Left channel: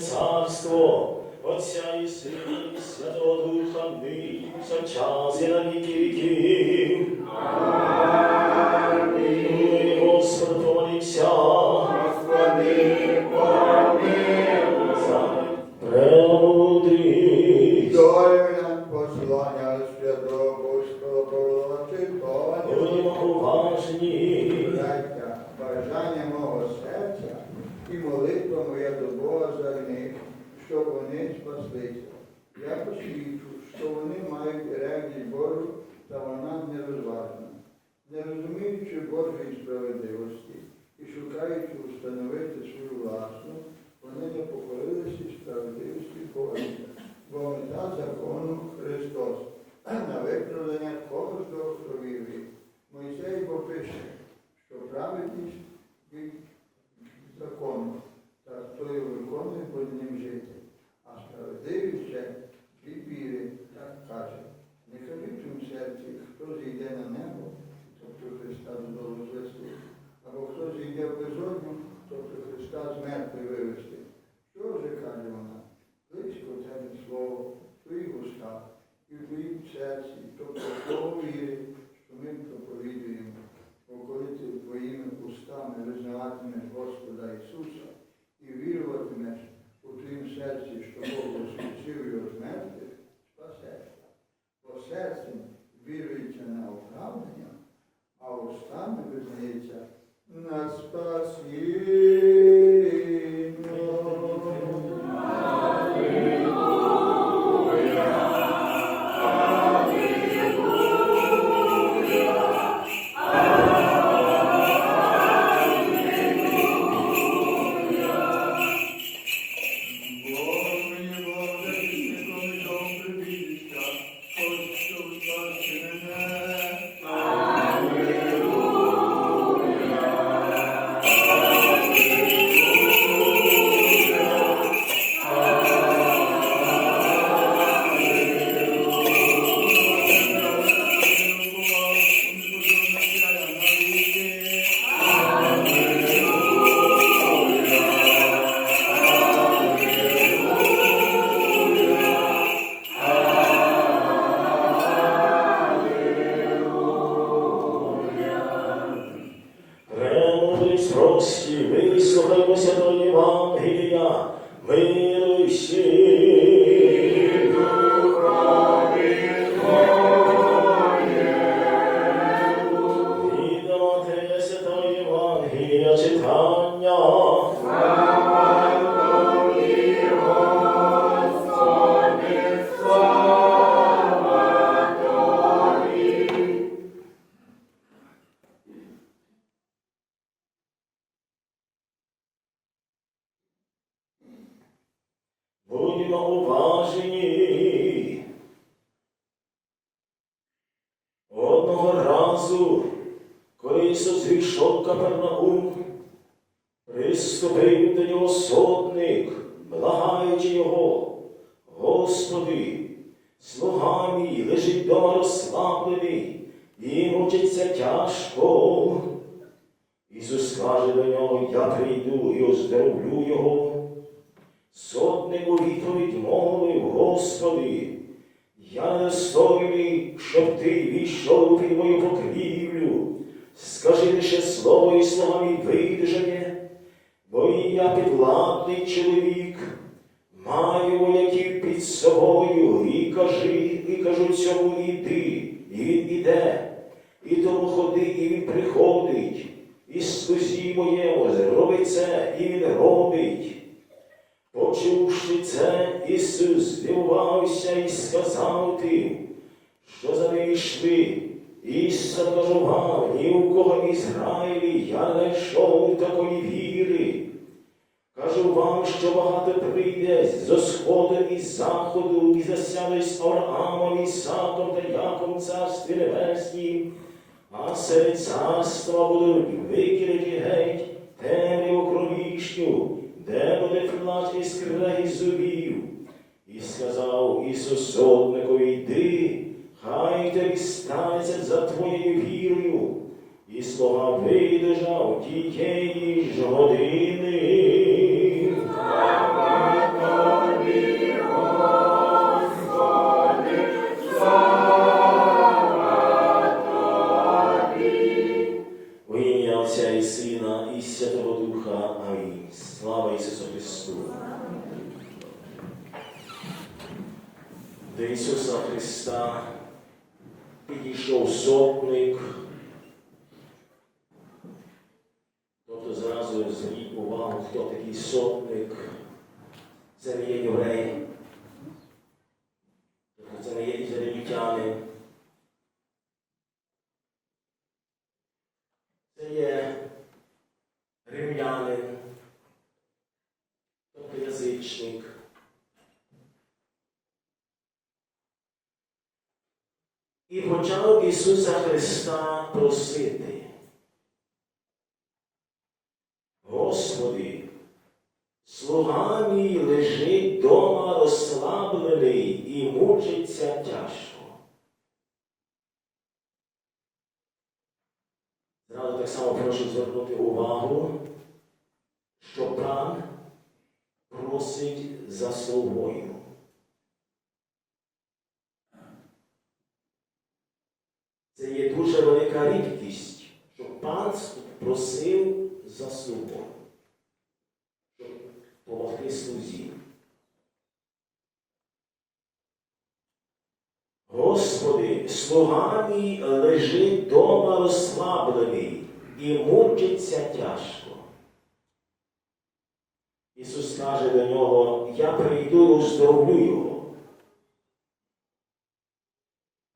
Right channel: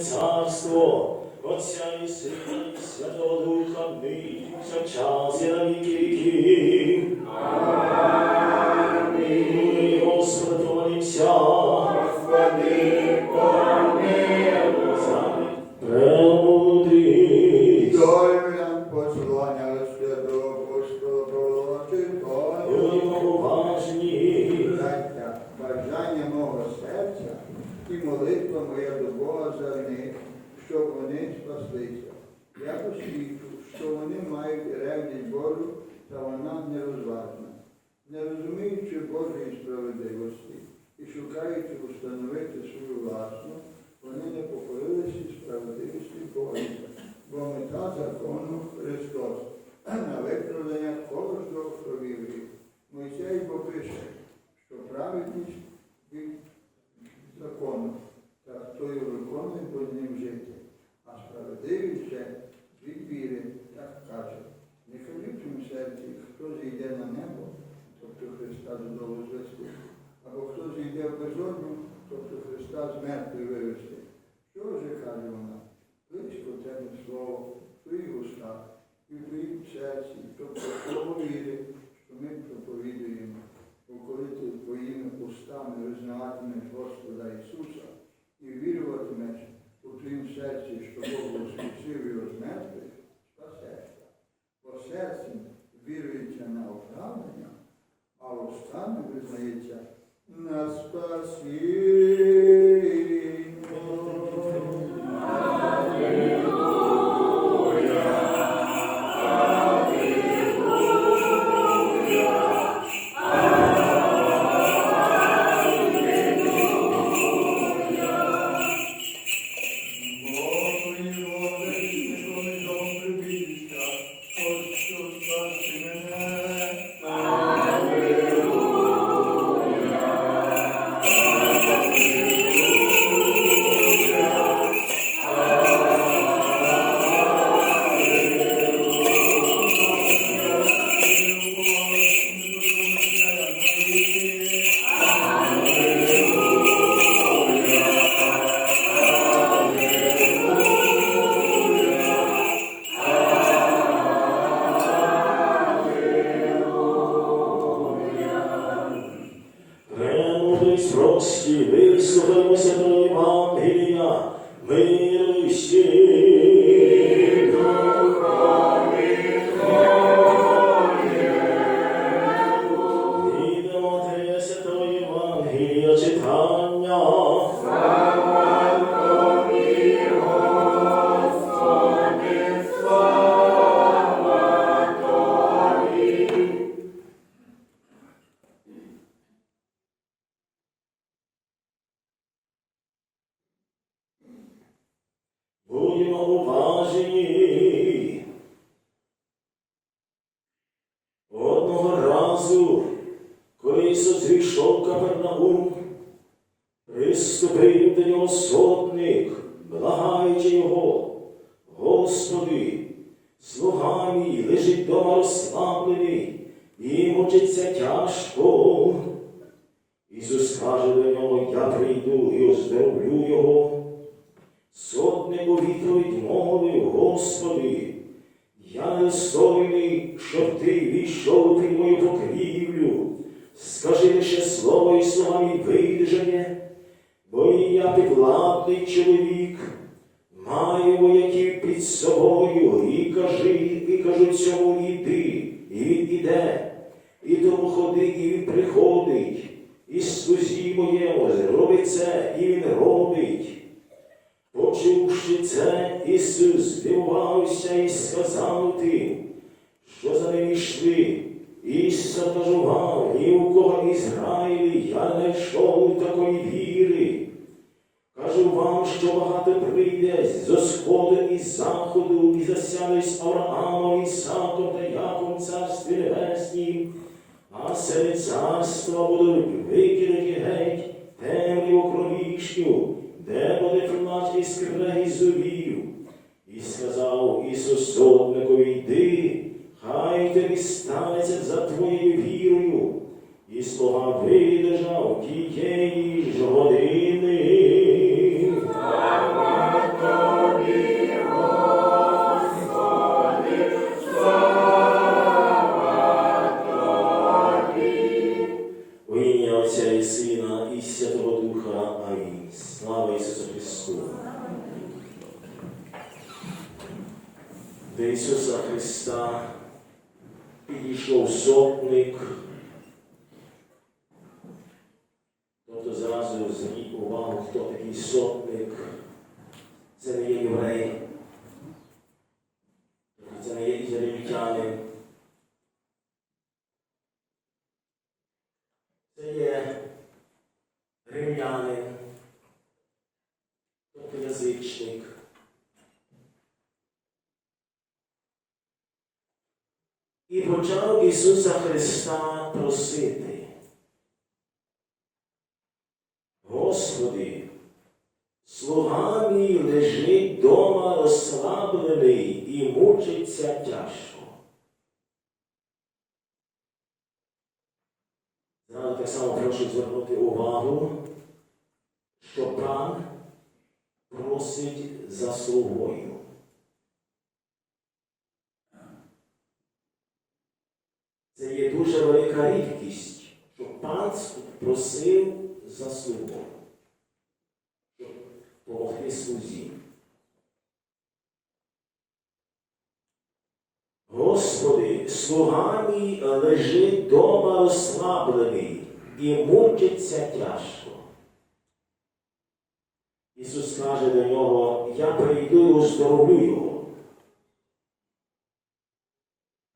царство, Отця і Сина, і Святого Духа, нині час і на віки віків. Амінь. Господи, помолімся. Господи, помилуй. Вони. Я посвідчу, що вони мають ревність Божу, та вона нерозважна. Не розуміючи Божої справедливості і шукаючи установити свою власну, вони не покорилися справедливості Божої, бо мета закону Христос, на виправдання кожного, хто вірує. Мойсей бо пише, що праведність від закону, та хто його виконує, буде ним жити. А справедливіше від віри, так каже. Не кажіть у серці, хто зійде на небо, тобто Христа додолу звести, або хто зійде в безодню, тобто Христа з мертвих вивести. Що же каже вона? Близько тебе слово в твоїх устах і в твоїм серці, тобто слово віри, що ми проповідуємо. Бо коли ти твоїми устами визнаватимеш Господа Ісуса і віруватимеш у твоїм серці, що Бог воскресив його з мертвих, спасешся. Бо серцем вірується на оправдання, а устами визнається на спасіння. Разу, коли Ісус зійшов в Капернаум, приступив до нього сотник, благаючи його, Господи, слуга мій лежить дома розслаблений, і мучиться тяжко. Ісус каже до нього, я прийду і оздоровлю його. Сотник у відповідь мовив, Господи, я недостойний, щоб ти війшов під мою покрівлю. Скажи лише слово і словами видержання, бо і я підвладний чоловік, маю вояків під собою, і кажи, і кажу цьому іди, і він іде, і тому ходи, і він приходить, і слузі моєму зробить це, і він робить. Почувши це, Ісус здивувався і сказав тим, що за ним йшли. Ісус кажував, ні у кого в Ізраїлі я не знайшов такої віри. Кажу вам, що багато прийде зо сходу і заходу, і засяде з Авраамом, Ісаком та Яковом царстві небеснім, а серед царства будуть викинуті геть темряву кромішню, де буде тримати і скрегіт зубів. І сказав Ісус сотникові, йди, хай тобі станеться за твоєю вірою. І слуга видержав тієї ж години. Почав Ісуса Христа просити. Господи, слуга мій лежить дома розслаблений і мучиться тяжко. Зразу так само прошу звернути увагу, що пан просить за слугою. Це є дуже велика рідкість, що пан просив за слугою, щоб допомогти слузі. Господи, слуга мій лежить дома розслаблений і мучиться тяжко. Ісус каже до нього, я прийду і оздоровлю його.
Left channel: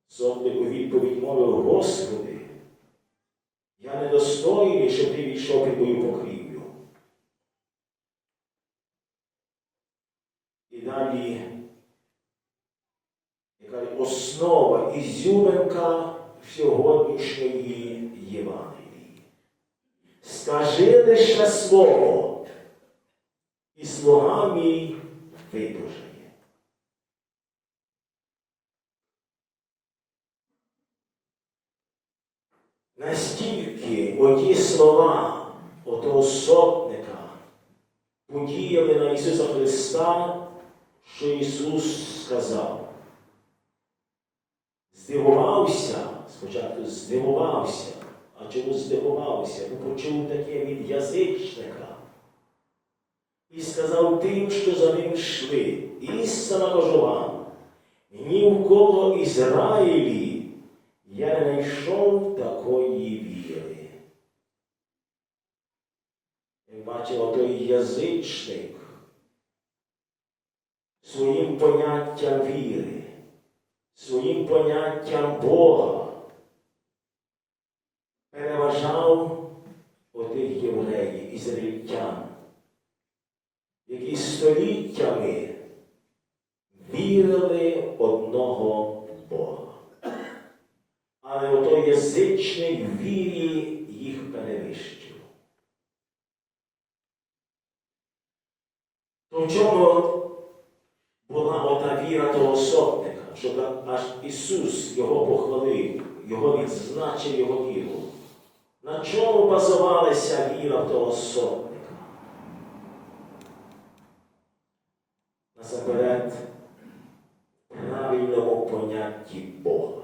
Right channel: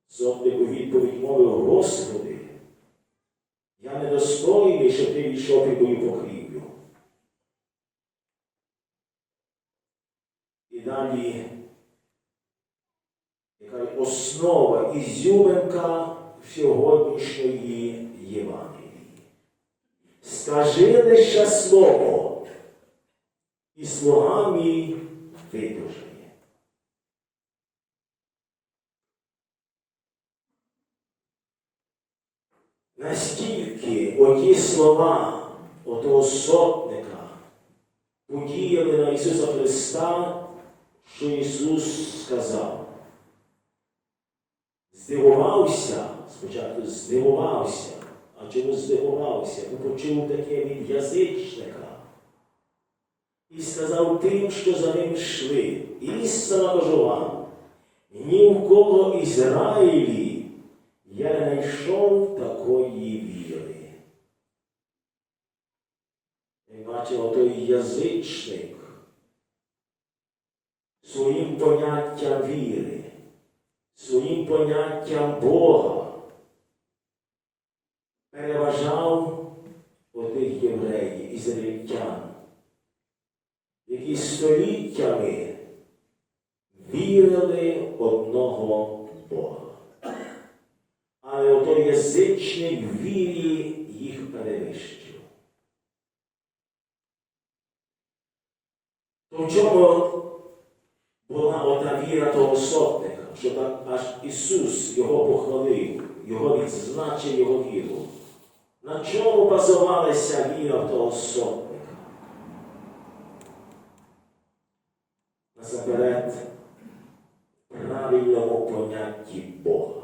Сотник у відповідь мовив, Господи, я недостойний, щоб ти війшов під мою покрівлю. І далі яка основа ізюминка сьогоднішньої Євангелії. Скажи лише слово, і слуга мій видужає. Настільки оті слова отого сотника подіяли на Ісуса Христа, що Ісус сказав. Здивувався, спочатку здивувався, а чому здивувався? Бо почув таке від язичника. І сказав тим, що за ним йшли, істинно кажу ні в кого Ізраїлі я не знайшов такої віри. Як бачимо, той язичник своїм поняттям віри, своїм поняттям Бога переважав отих євреїв, ізраїльтян, які століттями вірили одного Бога. Але отой язичник вірі їх перевищив. То чому віра того сотника, що так аж Ісус його похвалив, його відзначив його віру. На чому базувалася віра того сотника? Насамперед, правильному понятті Бога.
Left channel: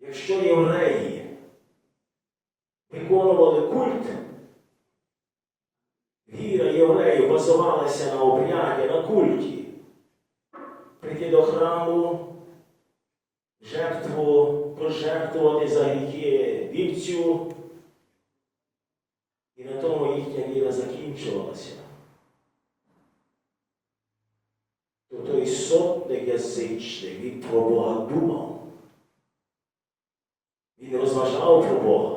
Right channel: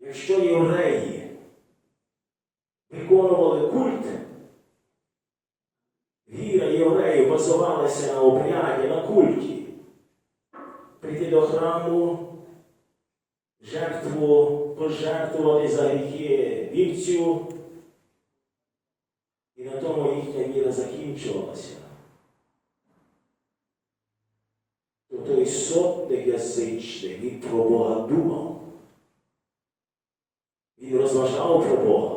Якщо євреї виконували культ, Віра євреїв на обряді, на культі. Прийти до храму, жертву, пожертвувати за гріхи вівцю. І на тому їхня віра закінчувалася. То той сотник язичник, він про Бога думав. Він розважав про Бога.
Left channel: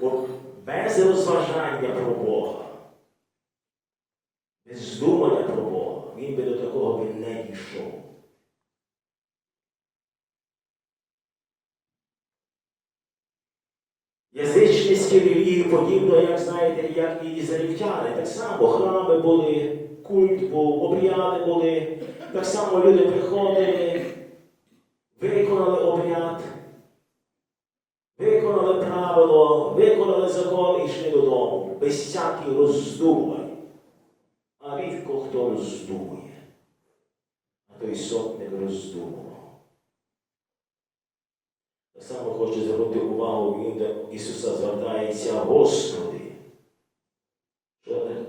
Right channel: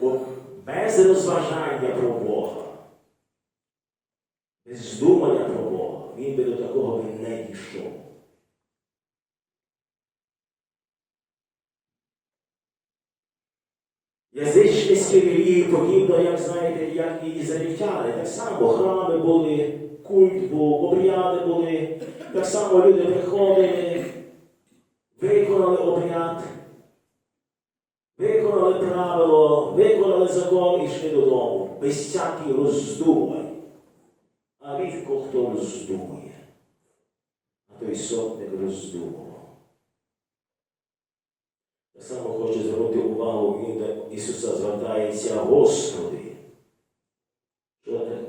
Бо без розважання про Бога, без думання про Бога, він би до такого би не дійшов. Язичницькі релігії подібно, як знаєте, як і ізраїльтяни. Так само храми були, культ був, обряди були, так само люди приходили, виконали обряд, виконали правило, виконали закон і йшли додому, без всяких роздумань. А рідко хто роздумує. А той сотник роздумував. Само хочу звернути увагу, він до Ісуса звертається Господи.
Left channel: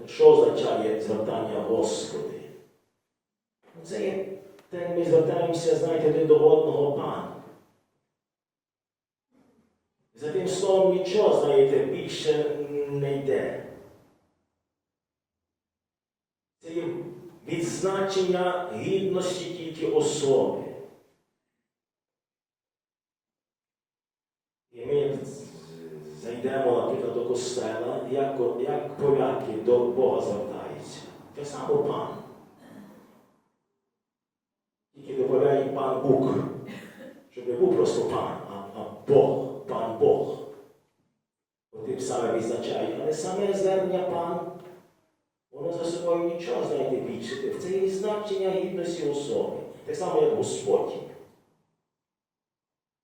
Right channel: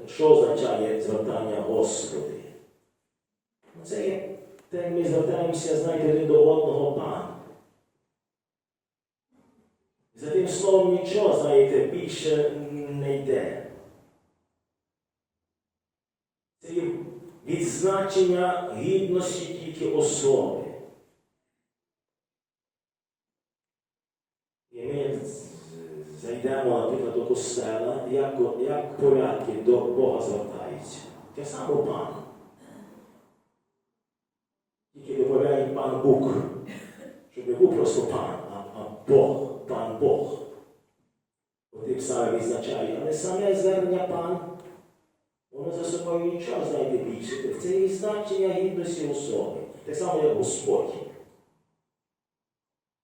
Що, означає звертання Господи? Це є те, ми звертаємося, знаєте, один до одного пан. За тим словом нічого, знаєте, більше не йде. Це є відзначення гідності тільки особи. І ми зайдемо, наприклад, до костела, як, як поляки до Бога звертаються. Те саме пан. Тільки додаємо пан Бог. Щоб не був просто пан, а, а Бог, пан Бог. Тим самим відзначає. Але саме звернення пан, воно за собою нічого знаєте більше. Це є значення гідності особи. Так само, як Господь.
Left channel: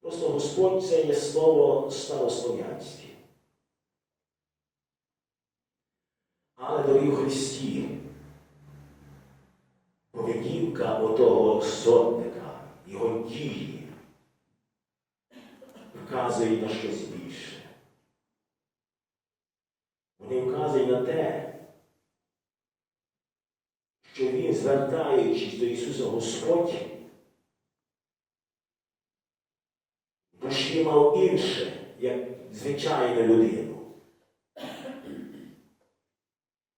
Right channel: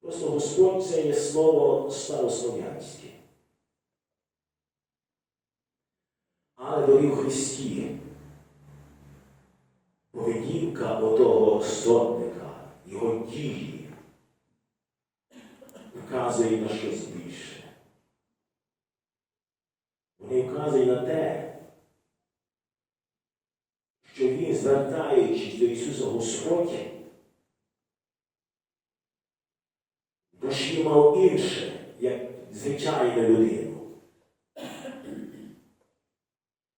Просто Господь це є слово старослов'янське. Але дорогі в Христі, поведінка отого сотника, його дії, вказує на щось більше. Вони вказують на те, що він, звертаючись до Ісуса Господь, душі мав інше, як звичайну людину.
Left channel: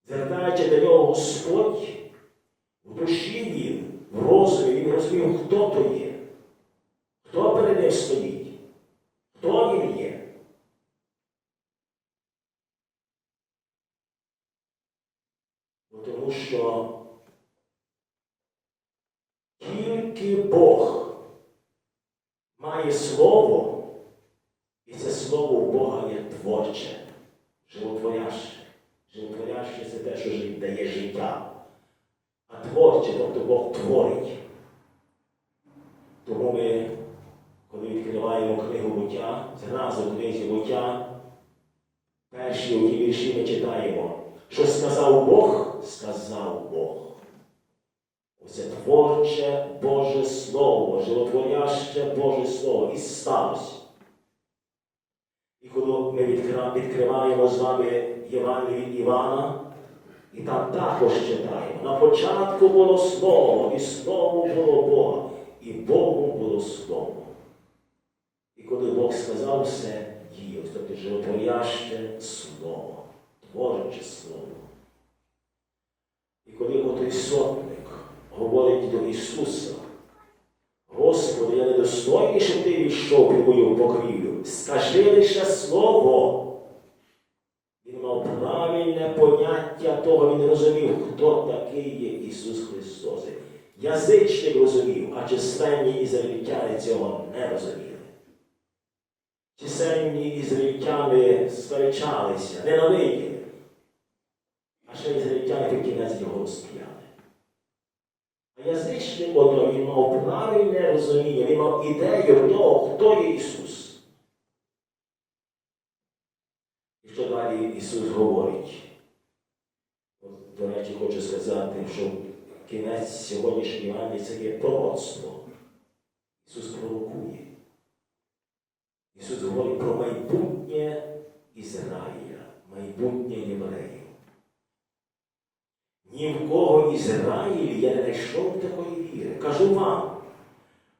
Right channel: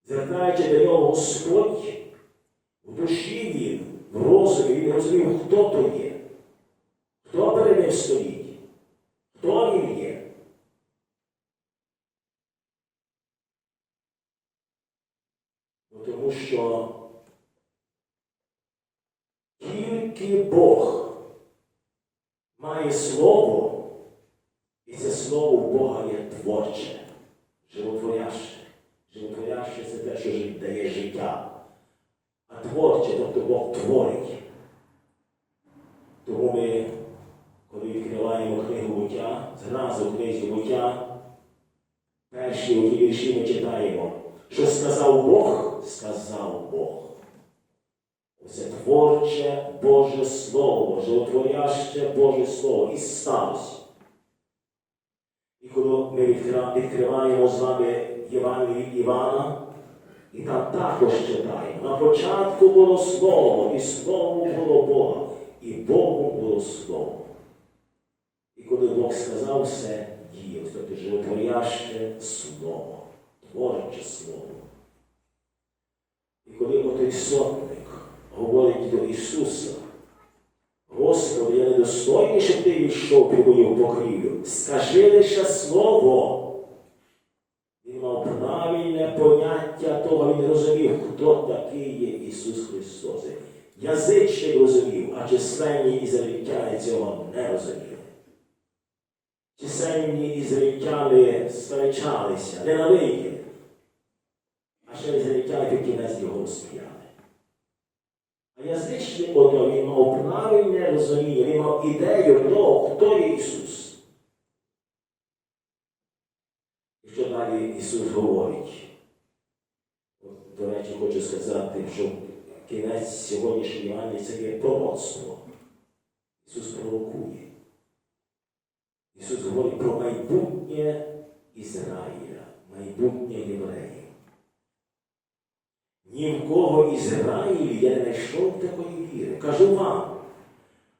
Звертаючи до нього Господь, в душі він, в розумі, він розумів, хто то є, хто перед ним стоїть, хто він є. Тому що тільки Бог має слово, і це слово Бога є творче, животворяще. Животворяще це те, що дає життя. А творче, тобто Бог творить. Тому ми, коли відкриваємо книгу буття, зразу в книзі буття, перші у ті вірші ми читаємо, що сказав Бог, сказав Бог. Це творче Боже Слово, животворяще Боже Слово і сталося. І коли ми відкриваємо з вами Євангеліє Івана, і там також читаємо. На початку було Слово, і Слово було Бога, і Богу було Слово. І коли Бог сказав все, діє, тобто животворяще Слово, творче Слово. І коли отой сотник говорить до Ісуса, Господи, я недостойний, щоб ти війшов під мою покрівлю. Скажи лише слово. Він мав правильне поняття того, він розумів, хто такий є Ісус Христос. Язичник розумів, а численні ізраїльтяни цього не розуміли. Численні ізраїльтяни сперечалися, ненавиділи. А ще ізраїльтяни під кінець його розстріляли. А язичник ото він мав правильне розуміння, він мав ідею того, хто є Ісус. І що далі Ісус говорить? До речі, хочу сказати, що кінець сьогоднішньої Євангелії це є пророцтво. Ісус пророкує. Ісус говорить про майбутнє Ізраїля, майбутнє євреїв. Ні кого я не знайшов такої віри. Кажу вам,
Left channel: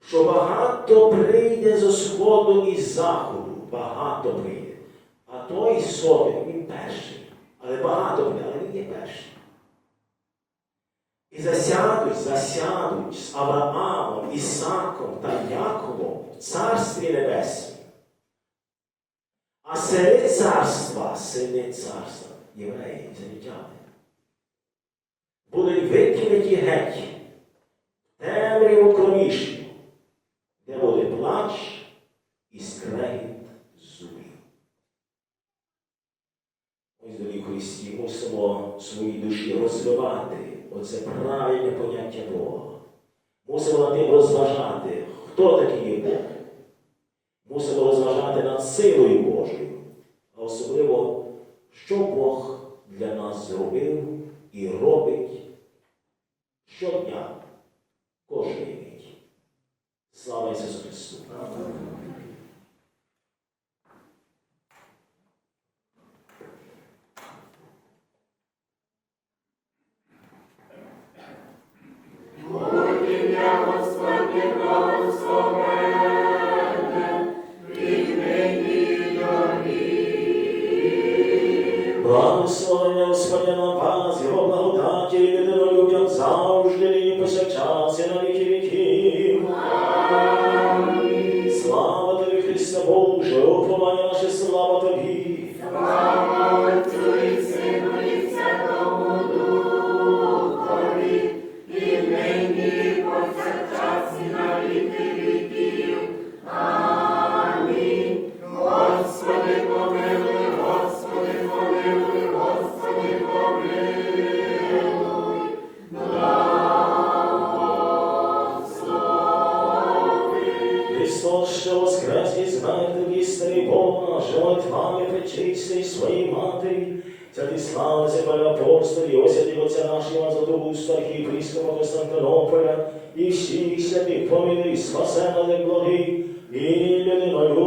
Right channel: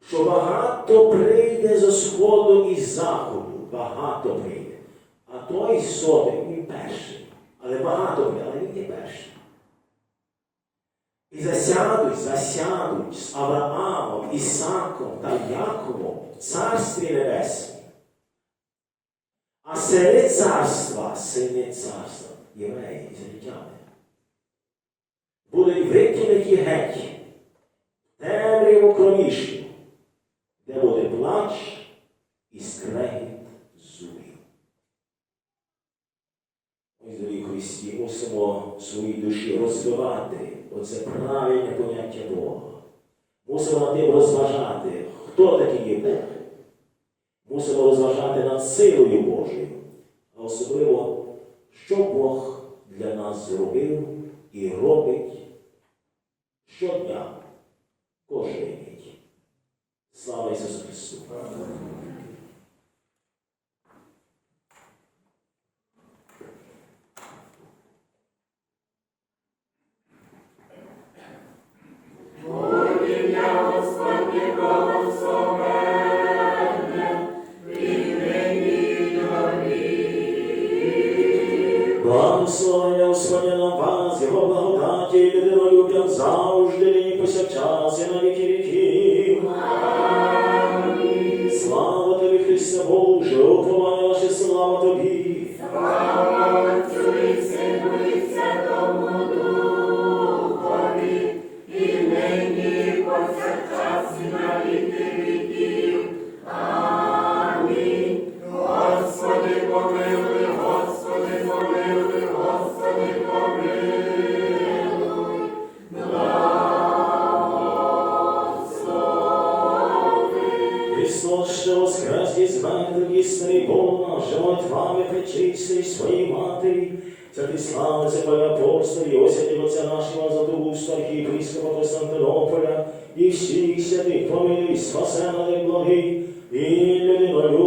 що багато прийде зі сходу і заходу, багато прийде. А той сотник, він перший. Але багато прийде, але він є перший. І засядуть, засядуть з Авраамом, Ісаком та Яковом в Царстві Небесному. А сини царства, сини царства, євреї, ізраїльтяни, будуть викинуті геть, темряву кромішню, де буде плач і скрегіт зубів. Ми, дорогі Христі, мусимо в своїй душі розвивати оце правильне поняття Бога. Мусимо над тим розважати, хто такий є Бог. Мусимо розважати над силою Божою, а особливо, що Бог для нас зробив і робить щодня кожен день. Слава Ісусу Христу! Благословення Господня вас, його благодаті людинолюб'ям завжди і повсякчас, і на віки. Христос, що воскрес із мертвих істини Бога, жертвами причистий своїй матері, Святі слава себе апостолі, осяді Отця нашого за Дугуста, архієпископа Константинополя, і всіх святих помилуй, спасе на благий, і людинолюбний.